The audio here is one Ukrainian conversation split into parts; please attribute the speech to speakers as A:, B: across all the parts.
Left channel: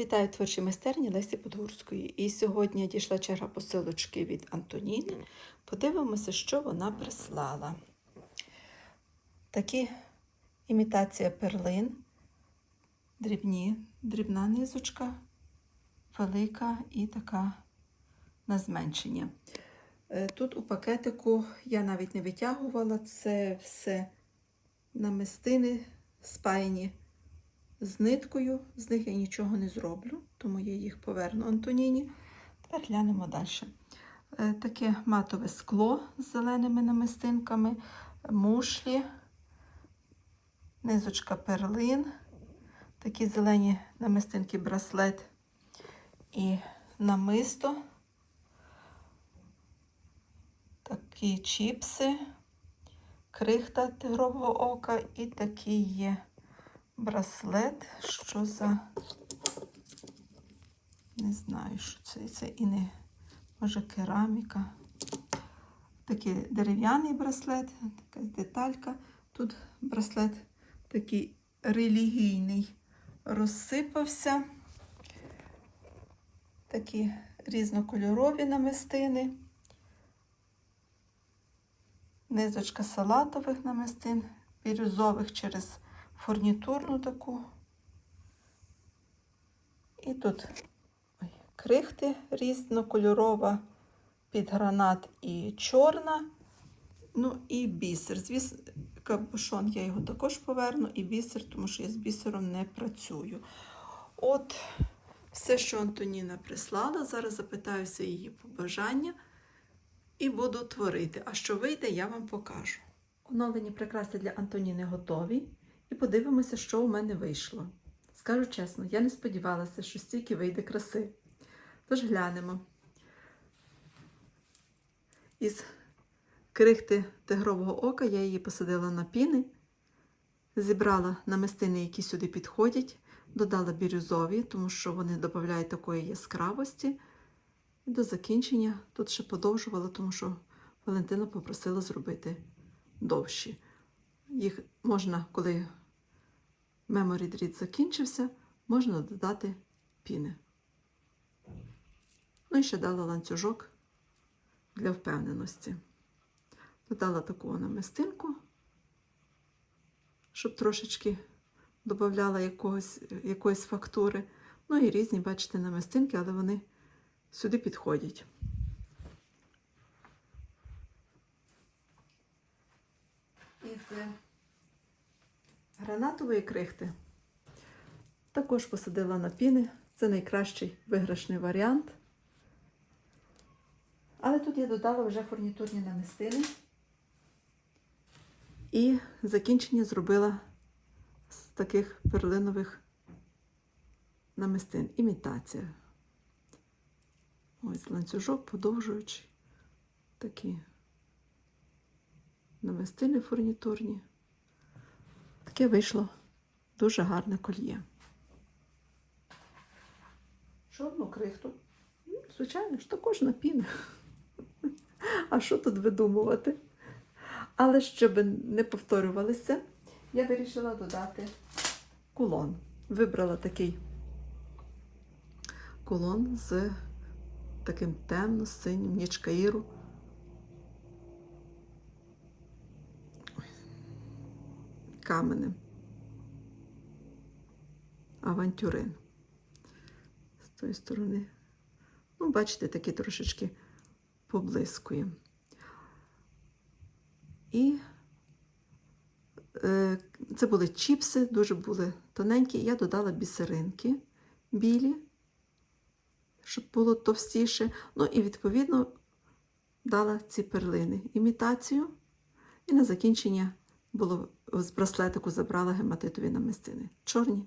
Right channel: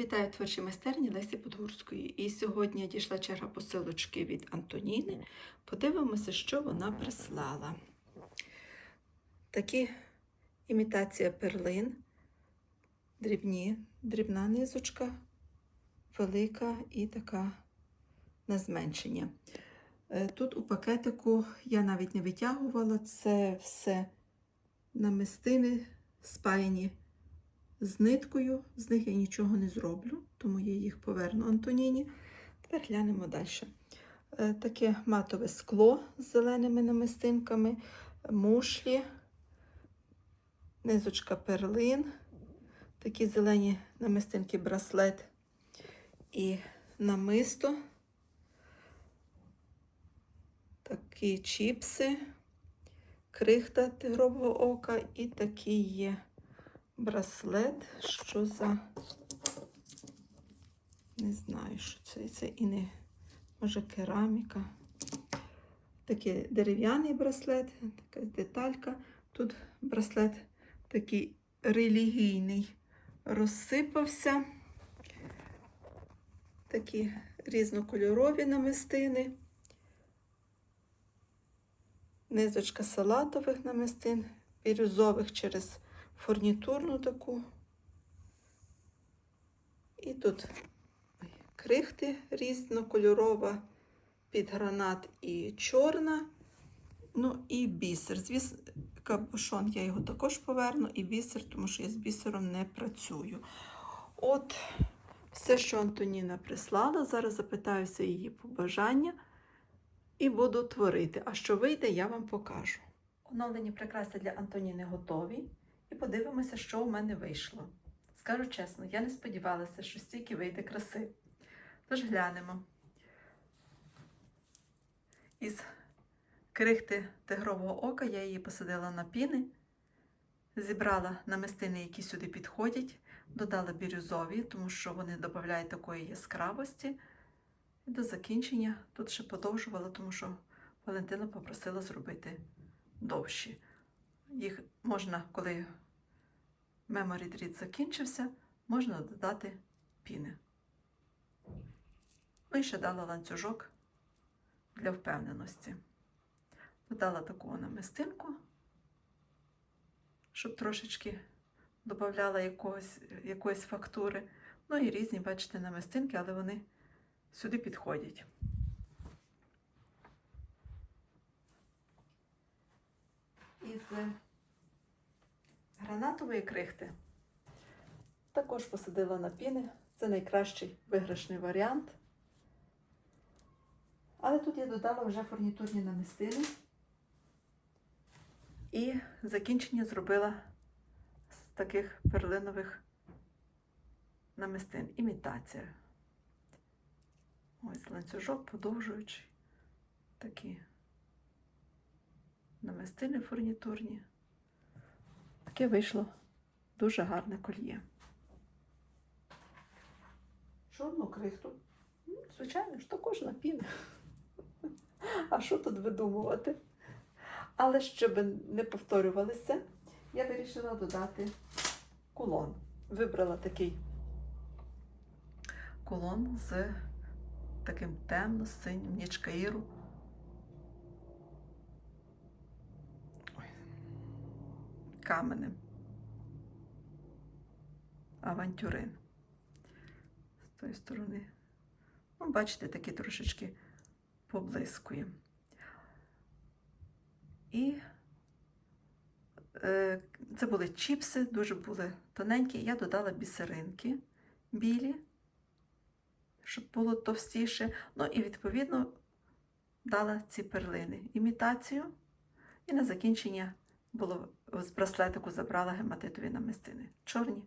A: Вітаю творчі майстерні Лесі Подгурської. І сьогодні дійшла черга посилочки від Антоніни. Подивимося, що вона прислала. Такі імітація перлин, дрібні, дрібна низочка, велика і така на зменшення. Е, Тут у пакетику я навіть не витягувала, це все намистини спаяні з ниткою, з них я нічого не зроблю, тому я їх поверну Антоніні. Тепер глянемо далі. Е, Таке матове скло з зеленими намистинками, мушлі, низочка перлин, такі зелені намистинки, браслет і намисто, такі чіпси, крихта тигрового ока і такі є браслет, що за. Не знаю, що це. Це і не може кераміка. Такий дерев'яний браслет, така деталька. Тут браслет такий релігійний розсипався. Такі різнокольорові намистини. Низочка салатових намистин, бірюзових через фурнітурну таку. І тут крихти різнокольорова, під гранат і чорна. Ну і бісер. Звісно, кабушон я його також поверну, і бісер, тому що я з бісером не працюю. От все, що Антоніна прислала. Зараз запитаюся її побажання і буду творити. А що вийде, я вам покажу. Оновлені прикраси для Антоніни готові. І подивимося, що у мене вийшло. Скажу чесно, я не сподівалася, що стільки вийде краси. Тож глянемо. Із крихти тигрового ока я її посадила на піни, зібрала намистини, які сюди підходять, додала бірюзові, тому що вони додають такої яскравості. І до закінчення тут ще подовжувала, тому що Валентина попросила зробити довші. Їх можна, коли меморі дріт закінчився, можна додати піни. Ну і ще дала ланцюжок для впевненості. Додала таку намистинку, щоб трошечки додавала якоїсь фактури. Ну і різні, бачите, намистинки, але вони сюди підходять. Із гранатової крихти також посадила на піни. Це найкращий виграшний варіант. Але тут я додала вже фурнітурні намистини. І закінчення зробила з таких перлинових намистин. Імітація. Ось ланцюжок, подовжуючи такі намистини фурнітурні. Таке вийшло дуже гарне кольє. Що одну крихту? Ну, Звичайно ж, також на піни. А що тут видумувати? Але щоб не повторювалися, я вирішила додати кулон. Вибрала такий кулон з таким темно-синім нічкаїру. Каменем. Авантюрин. З тої сторони. Ну, бачите, такий трошечки поблискує. І е, це були чіпси, дуже були тоненькі. Я додала бісеринки білі, щоб було товстіше. Ну і, відповідно, дала ці перлини, імітацію. І на закінчення було з браслетику забрала гематитові намистини. Чорні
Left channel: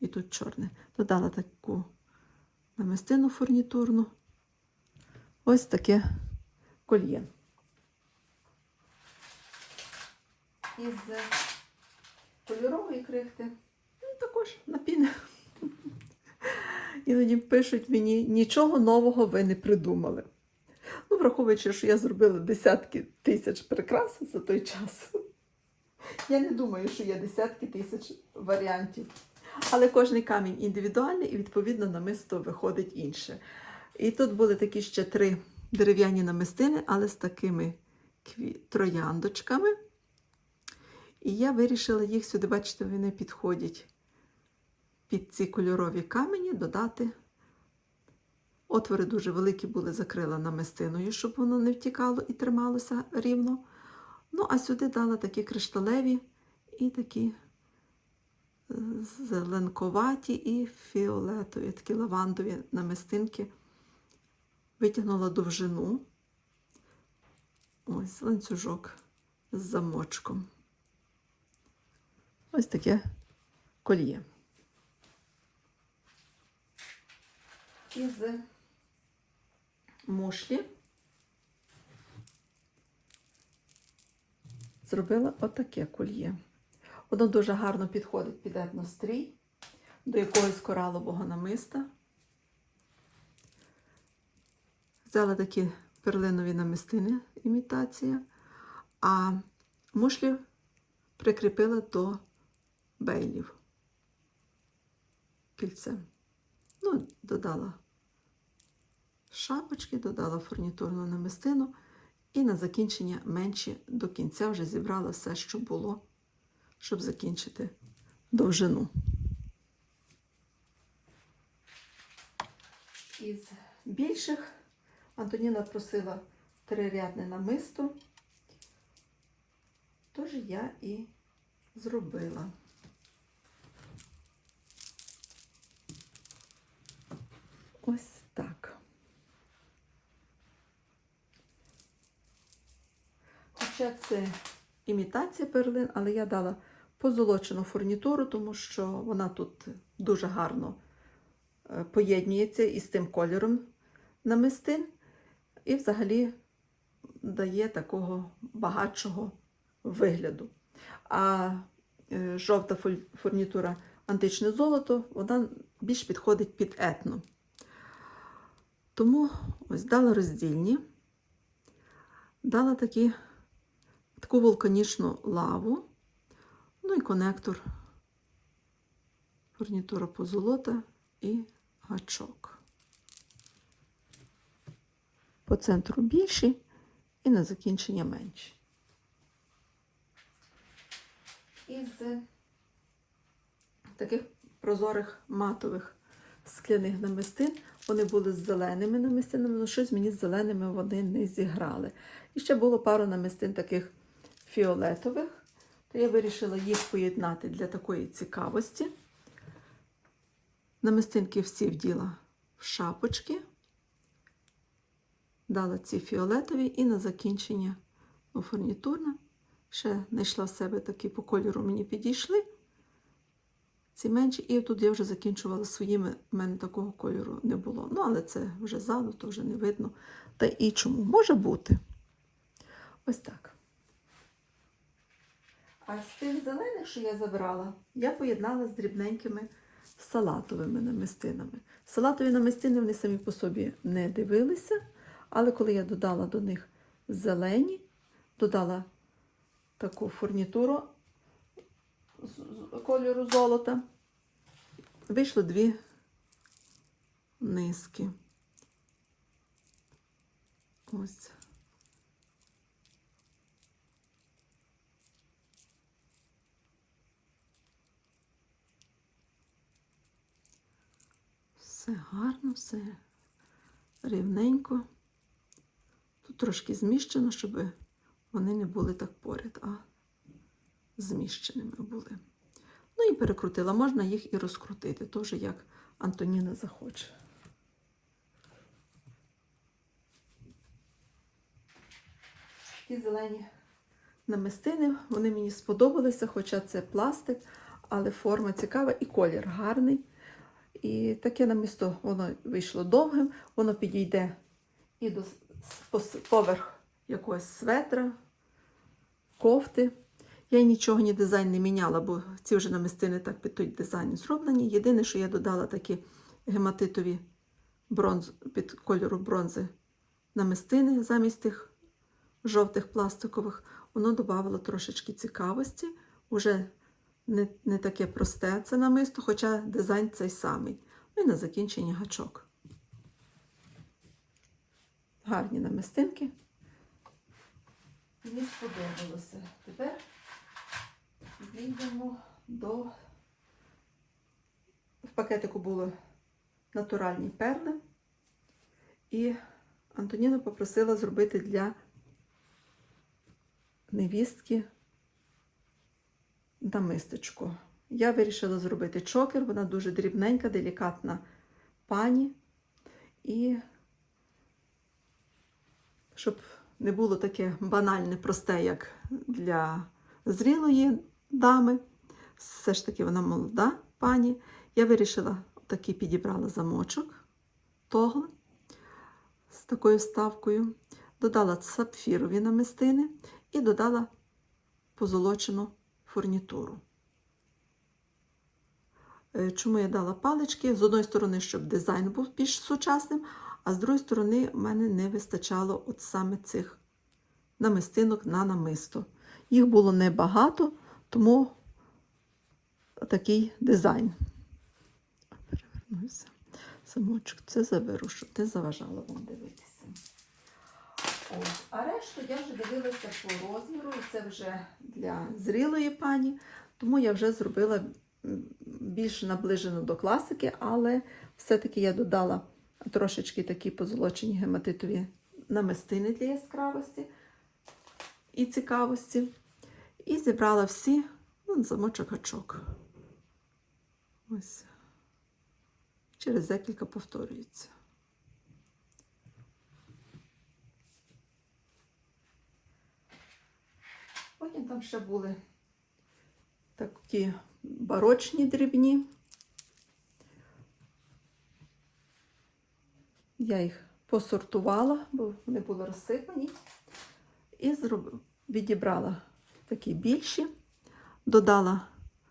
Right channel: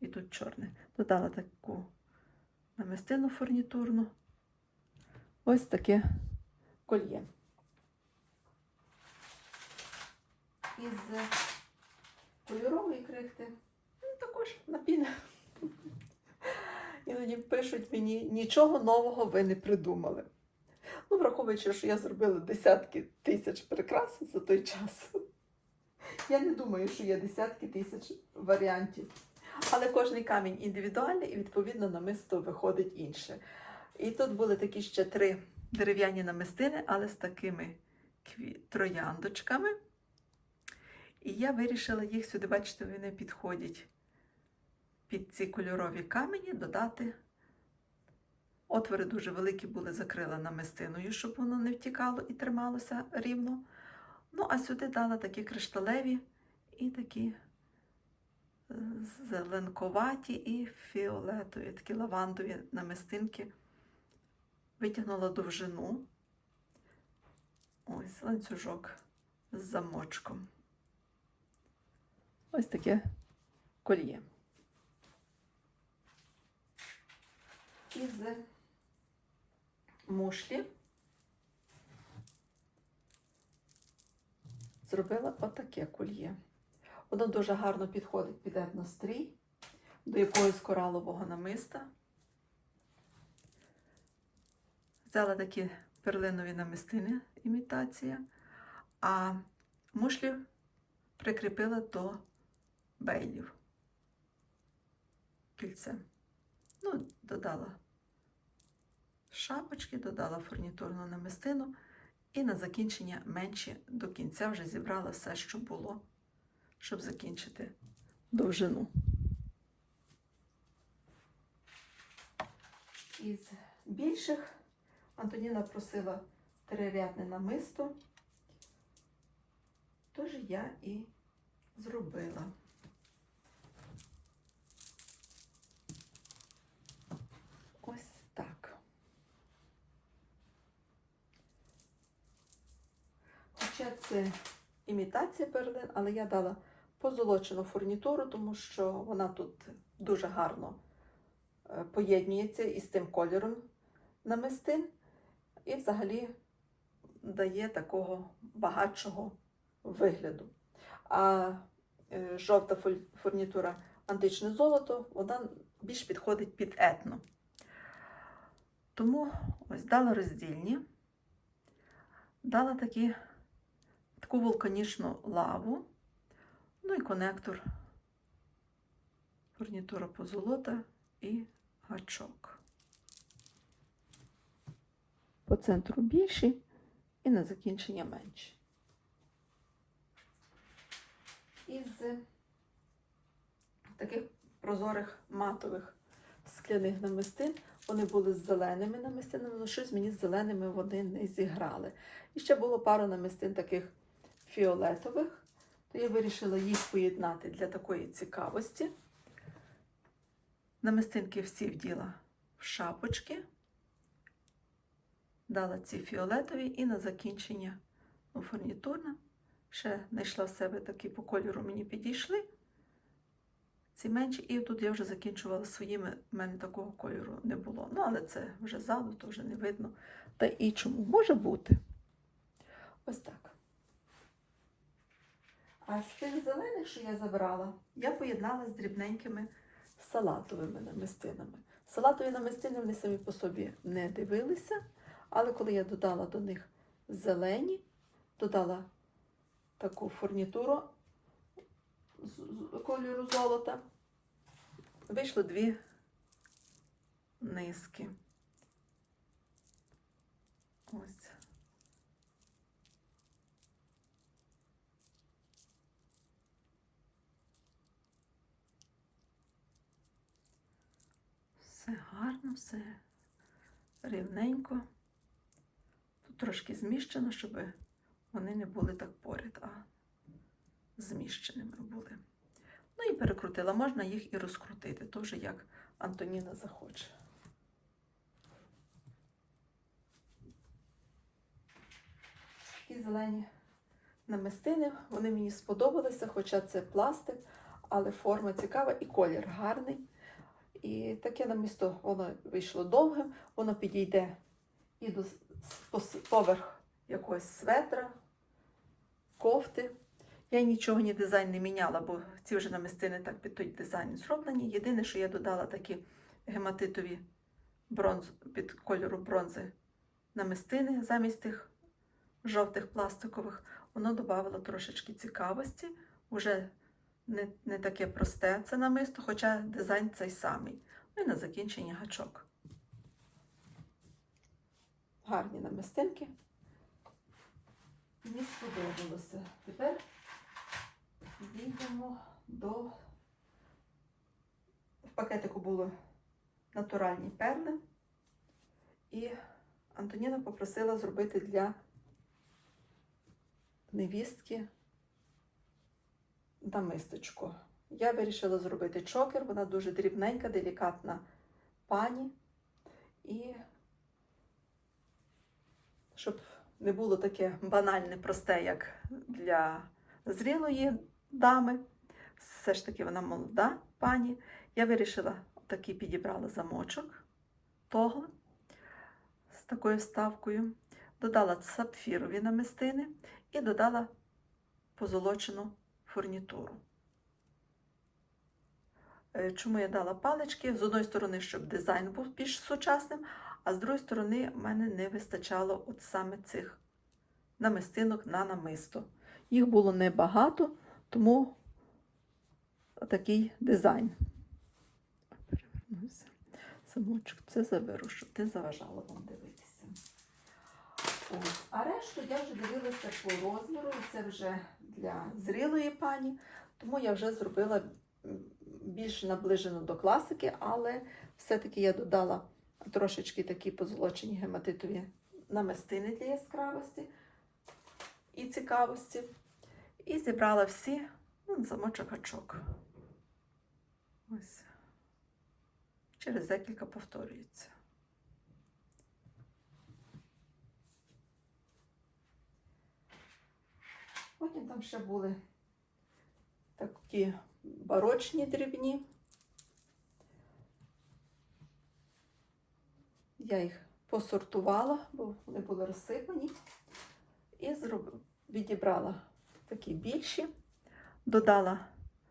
A: і тут чорне. Додала таку намистину фурнітурну. Ось таке кольє. Із кольорової крихти, ну, також на піни. Іноді пишуть мені, нічого нового ви не придумали. Ну, враховуючи, що я зробила десятки тисяч прикрас за той час. Я не думаю, що є десятки тисяч варіантів. Але кожний камінь індивідуальний і відповідно намисто виходить інше. І тут були такі ще три дерев'яні намистини, але з такими трояндочками. І я вирішила їх сюди, бачите, вони підходять під ці кольорові камені, додати. Отвори дуже великі були, закрила намистиною, щоб воно не втікало і трималося рівно. Ну, а сюди дала такі кришталеві і такі е, зеленковаті і фіолетові, такі лавандові намистинки. Витягнула довжину. Ось ланцюжок з замочком. Ось таке кольє. Із мушлі зробила отаке кольє. Воно дуже гарно підходить під етнострій, до якогось коралового намиста. Взяла такі перлинові намистини, імітація, а мушлі прикріпила до бейлів кільцем. Ну, додала шапочки, додала фурнітурну намистину і на закінчення менше до кінця вже зібрала все, що було, щоб закінчити довжину. Із більших Антоніна просила трирядне намисто, тож я і зробила. Ось так. Хоча це імітація перлин, але я дала позолочену фурнітуру, тому що вона тут дуже гарно е, поєднується із тим кольором намистин і взагалі дає такого багатшого вигляду. А е, жовта фурнітура античне золото, вона більш підходить під етно. Тому ось дала роздільні, дала такі, таку вулканічну лаву, ну і конектор, фурнітура позолота і гачок. По центру більші і на закінчення менші. Із таких прозорих матових скляних намистин. Вони були з зеленими намистинами, але щось мені з зеленими вони не зіграли. І ще було пару намистин таких фіолетових, то я вирішила їх поєднати для такої цікавості. Намистинки всі вділа в шапочки, дала ці фіолетові і на закінчення фурнітурна. Ще знайшла в себе такі по кольору мені підійшли. Ці менші, і тут я вже закінчувала своїми, в мене такого кольору не було. Ну, але це вже ззаду, то вже не видно. Та і чому? Може бути. Ось так. А з тих зелених, що я забрала, я поєднала з дрібненькими салатовими намистинами. Салатові намистини вони самі по собі не дивилися, але коли я додала до них зелені, додала таку фурнітуру з- кольору золота, вийшло дві низки. Ось. Все гарно, все рівненько. Тут трошки зміщено, щоб вони не були так поряд, а зміщеними були. Ну і перекрутила. Можна їх і розкрутити, теж як Антоніна захоче. Такі зелені намистини, вони мені сподобалися, хоча це пластик, але форма цікава і колір гарний. І таке намісто воно вийшло довгим, воно підійде і до поверх якогось светра, кофти. Я нічого ні дизайн не міняла, бо ці вже намистини так під той дизайн зроблені. Єдине, що я додала такі гематитові бронз, під кольору бронзи намистини замість тих жовтих пластикових, воно додавало трошечки цікавості. Уже не, не таке просте це намисто, хоча дизайн цей самий. Ну і на закінчення гачок. Гарні намистинки. Мені сподобалося. Тепер йдемо до. В пакетику були натуральні перли. І Антоніна попросила зробити для невістки намисточку. Я вирішила зробити чокер, вона дуже дрібненька, делікатна пані. І щоб не було таке банальне, просте, як для зрілої дами. Все ж таки вона молода пані. Я вирішила такий підібрала замочок тогл з такою вставкою. Додала сапфірові намистини і додала позолочену фурнітуру. Е, Чому я дала палички? З одної сторони, щоб дизайн був більш сучасним, а з другої сторони, в мене не вистачало от саме цих намистинок на намисто. Їх було небагато, тому такий дизайн. Перевернуся. Самочок, це заберу, щоб ти заважала вам дивитися. Ось. А решту я вже дивилася по розміру. Це вже для зрілої пані, тому я вже зробила більш наближено до класики, але все-таки я додала трошечки такі позолочені гематитові намистини для яскравості і цікавості. І зібрала всі ну, замочок гачок. Ось. Через декілька повторюється. Потім там ще були такі барочні дрібні. Я їх посортувала, бо вони були розсипані. І відібрала такі більші, додала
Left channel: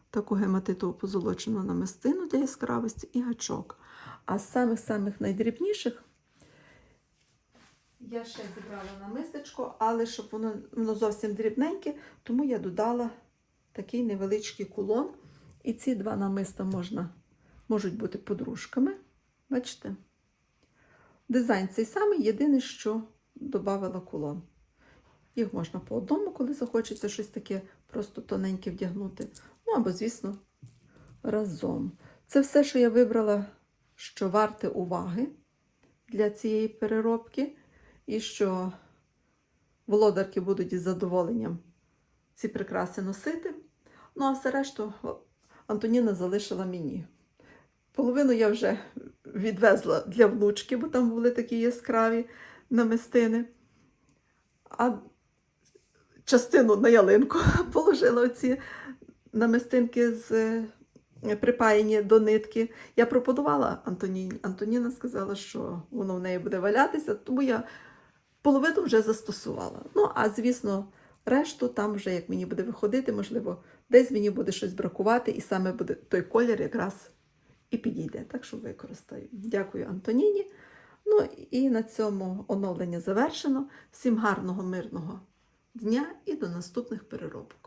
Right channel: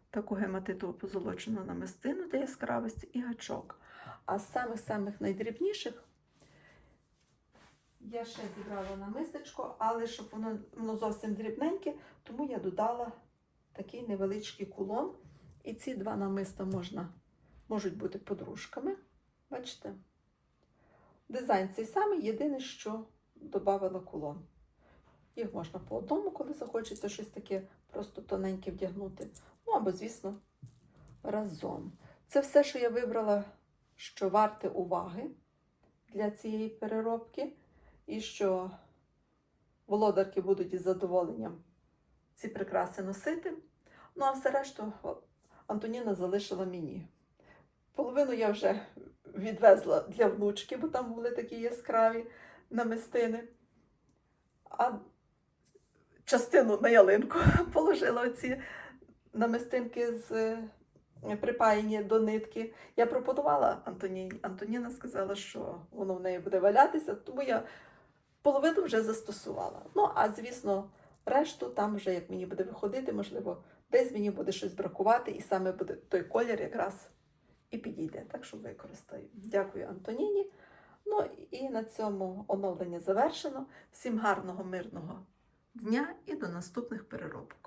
A: таку гематитову позолочену намистину для яскравості і гачок. А з самих-самих найдрібніших я ще зібрала на мистечко, але щоб воно, воно зовсім дрібненьке, тому я додала такий невеличкий кулон. І ці два намиста можна, можуть бути подружками. Бачите? Дизайн цей самий, єдине, що додавала кулон. Їх можна по одному, коли захочеться щось таке просто тоненьке вдягнути. Ну або, звісно, разом. Це все, що я вибрала, що варте уваги для цієї переробки, і що володарки будуть із задоволенням ці прикраси носити. Ну, а все решту Антоніна залишила мені. Половину я вже відвезла для внучки, бо там були такі яскраві намистини. А частину на ялинку положила оці намистинки з е, припаяні до нитки. Я пропонувала Антоніні. Антоніна сказала, що воно в неї буде валятися, тому я половину вже застосувала. Ну, а звісно, решту там вже як мені буде виходити, можливо, десь мені буде щось бракувати, і саме буде той колір якраз і підійде. Так що використаю. Дякую Антоніні. Ну і на цьому оновлення завершено. Всім гарного, мирного дня і до наступних переробок.